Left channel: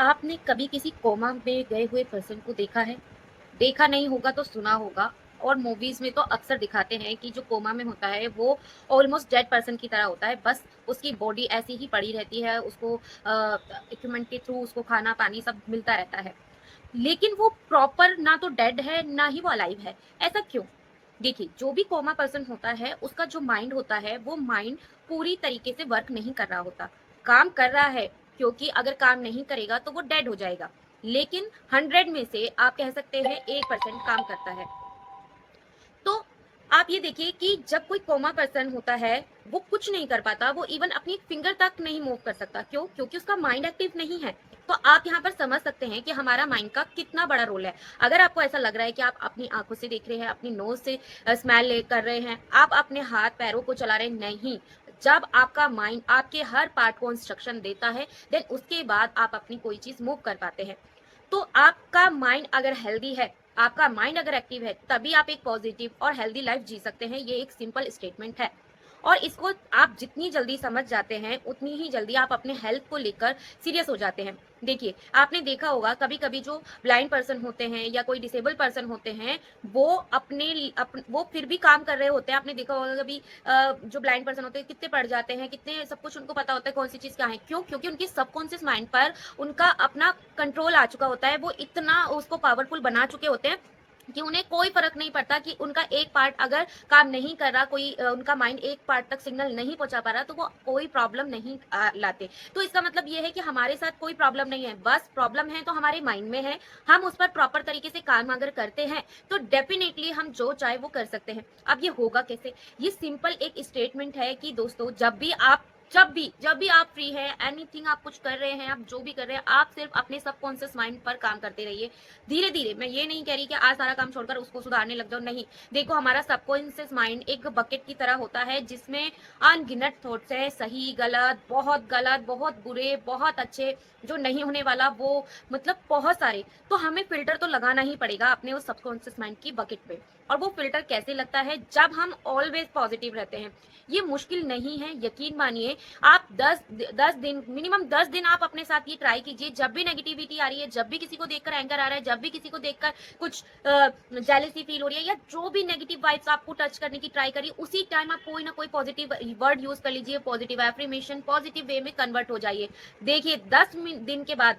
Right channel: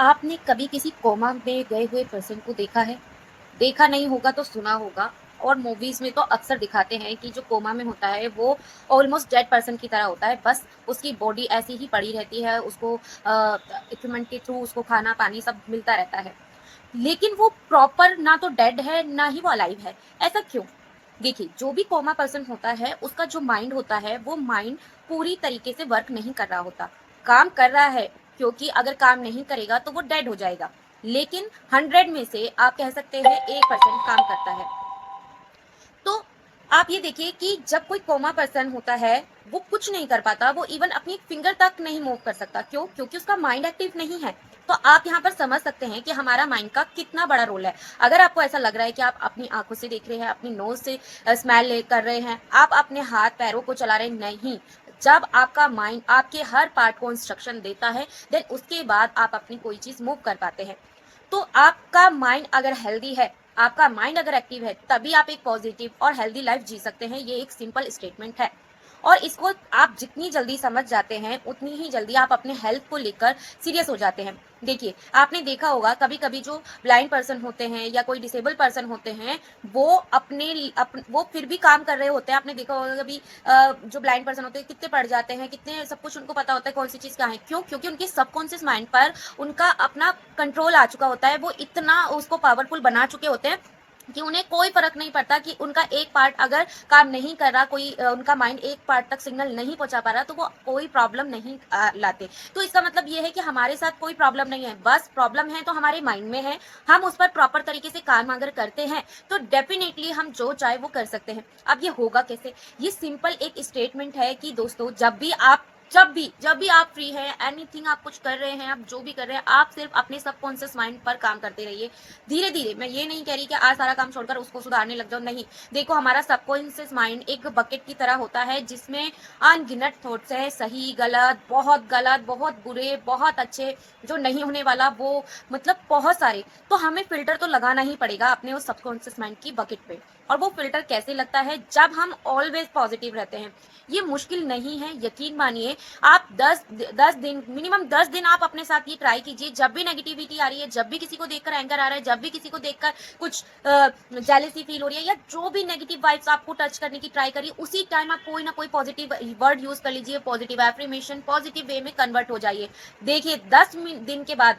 आपने कभी किसी कोमा में गए हुए पर्सन को देखा है? देखा नहीं होगा तो सुना होगा। और मूवीज़ में तो अक्सर दिखाते हैं कि जो कोमा में होता है वो ऑलमोस्ट डेड पर्सन की तरह होता है, बस उसकी बॉडी ऐसी ही पड़ी रहती है, उसको इक्विपमेंट के थ्रू उसको खाना-पानी सब मिलता रहता है। लेकिन वो प्रॉपर ना तो डेड है, ना ही वो अलाइव है। ऐसा क्यों? देखिए, जो भी कोमा पर्सन होता है, उसका जो माइंड होता है, वो माइंड पूरी तरीके से वर्क नहीं कर रहा होता। काम कर रहा है, क्योंकि अगर काम नहीं करेगा तो वो डेड हो जाएगा। लेकिन 100 में से आप कह सकते हैं 1% काम करता है। तो आप ये देखिए कि जब कोई कोमा पर्सन होता है, वो कुछ नहीं कर पाता, वो इवन अपनी फिंगर तक नहीं मूव कर सकता। क्यों? क्योंकि उसका माइंड एक्टिव नहीं है। तो आप यहाँ पर समझ सकते हैं कि हमारा माइंड का कितना बड़ा रोल है। अगर आपको ऐसा लग रहा है कि आप अपनी आँखों से देख रहे हैं, अपनी नोज़ से स्मेल ले कर रहे हैं, आप अपने हाथ-पैरों को चला रहे हैं, नहीं। जब आपका माइंड आपके हर पार्ट को इंस्ट्रक्शन देता है, देन उसके बाद आप अपनी कोई चीज़ मूव कर पाते हैं। तो आपका माइंड अगर हेल्दी है, आपका माइंड अगर एक्टिव है, तभी आप एक पॉजिटिव और हेल्दी लाइफ जी सकते हैं। ये एक सिंपल स्टेटमेंट है। और इसको आप जितनी जल्दी समझ जाते हैं, उतनी ही जल्दी आप अपने हेल्थ को लेकर सीरियस हो जाते हैं। देखिए, आपने देखा होगा कभी-कभी जो ब्लाइंड पर्सन होते हैं या कोई डिसेबल पर्सन होते हैं, वो वो फिर भी काम कर रहे होते हैं। आपने देखा होगा कभी जो ब्लाइंड पर्सन होते हैं कितने पढ़ जाते हैं, कितने सब कुछ उनको पता होता है कौन-सी चीज़ कहाँ है। क्यों? क्योंकि उनके सबकॉन्शियस माइंड पर उनका अपना कंट्रोल आ चुका होता है। वो इतना उसको पावरफुल बना चुके होते हैं कि उन्हें कोई फ़र्क नहीं पड़ता कि उनका एक पार्ट अगर काम नहीं कर रहा, कोई उनका माइंड एक पार्ट तक सिग्नल नहीं पहुँचा पा रहा, तो वो कोई प्रॉब्लम नहीं लाते। तो इसका मतलब ये है कि हमारे साथ कोई प्रॉब्लम नहीं है, बस प्रॉब्लम है तो हमारे माइंड में है। हम उस पर प्रॉपर तरीके से काम अगर करते हैं, तो डेफ़िनिटली हम जो चाहे वो कर सकते हैं। अब ये होगा कैसे? ये सिंपल एक स्टेटमेंट है कि दोस्तों जब भी आप फ्री हैं, एनीथिंग आप कुछ कर रहे हैं, आप जो भी कर रहे हैं, आप सिर्फ़ अपने सबकॉन्शियस माइंड पर काम करते रहिए। धीरे-धीरे, मैं ये नहीं कह रही कि आज सारा काम छोड़कर उसको सुधारने लग जाओ, नहीं। देखो, हमारा सबकॉन्शियस माइंड एक बकेट की तरह होता है जिसमें अनगिनत थॉट्स हैं, सही, गलत, बहुत बुरे, बहुत अच्छे, जो नहीं होने वाला वो मतलब बहुत सारे। तो हमें फ़िल्टर तो लगाना ही पड़ेगा अपने उस सबकॉन्शियस माइंड की बकेट पे। और वो फ़िल्टर कैसे लगता है? जब हम ऑलवेज़ पॉज़िटिव रहते हैं। ये मुश्किल नहीं है, यकीन मानिए। आप 10 दिन, मिनिमम 10 दिन आप अपने साथ ये ट्राई कीजिए। जब भी नेगेटिविटी आ रही है, जब भी किसी को देखकर एंगर आ रहा है, जब भी किसी को देखकर कुछ जेलसी फील हो रही है, या जो भी नेगेटिव वाइब्स आपको टच करने की ट्राई करिए, उसी टाइम आप कोई ना कोई पॉजिटिव वर्ड यूज कर लीजिए, पॉजिटिव एफर्मेशन, पॉजिटिव वे में कन्वर्ट हो जाइए। देखिए, 10 दिन के बाद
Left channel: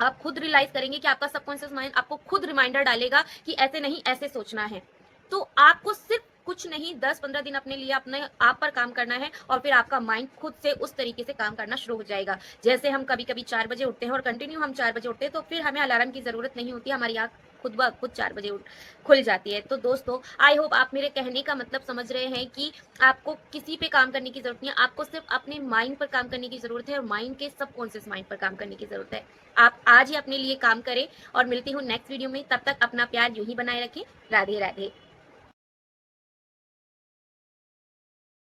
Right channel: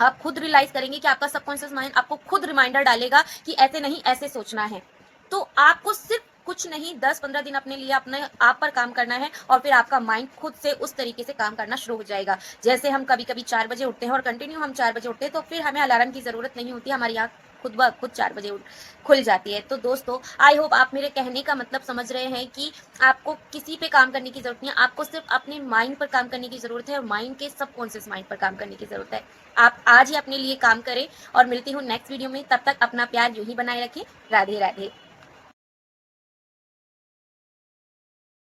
आप खुद रियलाइज करेंगे कि आपका सबकॉन्शियस माइंड आपको खुद रिमाइंडर डालेगा कि ऐसे नहीं, ऐसे सोचना है। तो आपको सिर्फ कुछ नहीं, 10-15 दिन अपने लिए अपने आप पर काम करना है, और फिर आपका माइंड खुद से उस तरीके से काम करना शुरू हो जाएगा। जैसे हम कभी-कभी 4 बजे उठते हैं और कंटिन्यू हम 4 बजे उठते हैं, तो फिर हमें अलार्म की ज़रूरत नहीं होती, हमारी आँख खुद ब खुद 4 बजे उठ खुल जाती है। तो दोस्तों, आई होप आप मेरे कहने का मतलब समझ रहे हैं कि आपको किसी पे काम करने की ज़रूरत नहीं है, आपको सिर्फ़ अपने माइंड पर काम करने की ज़रूरत है, और माइंड के सबकॉन्शियस माइंड पर काम करने की ज़रूरत है। आप आज ही अपने लिए काम करें, और मिलती हूँ नेक्स्ट वीडियो में। तब तक अपना प्यार यूँ ही बनाए रखें। राधे, राधे।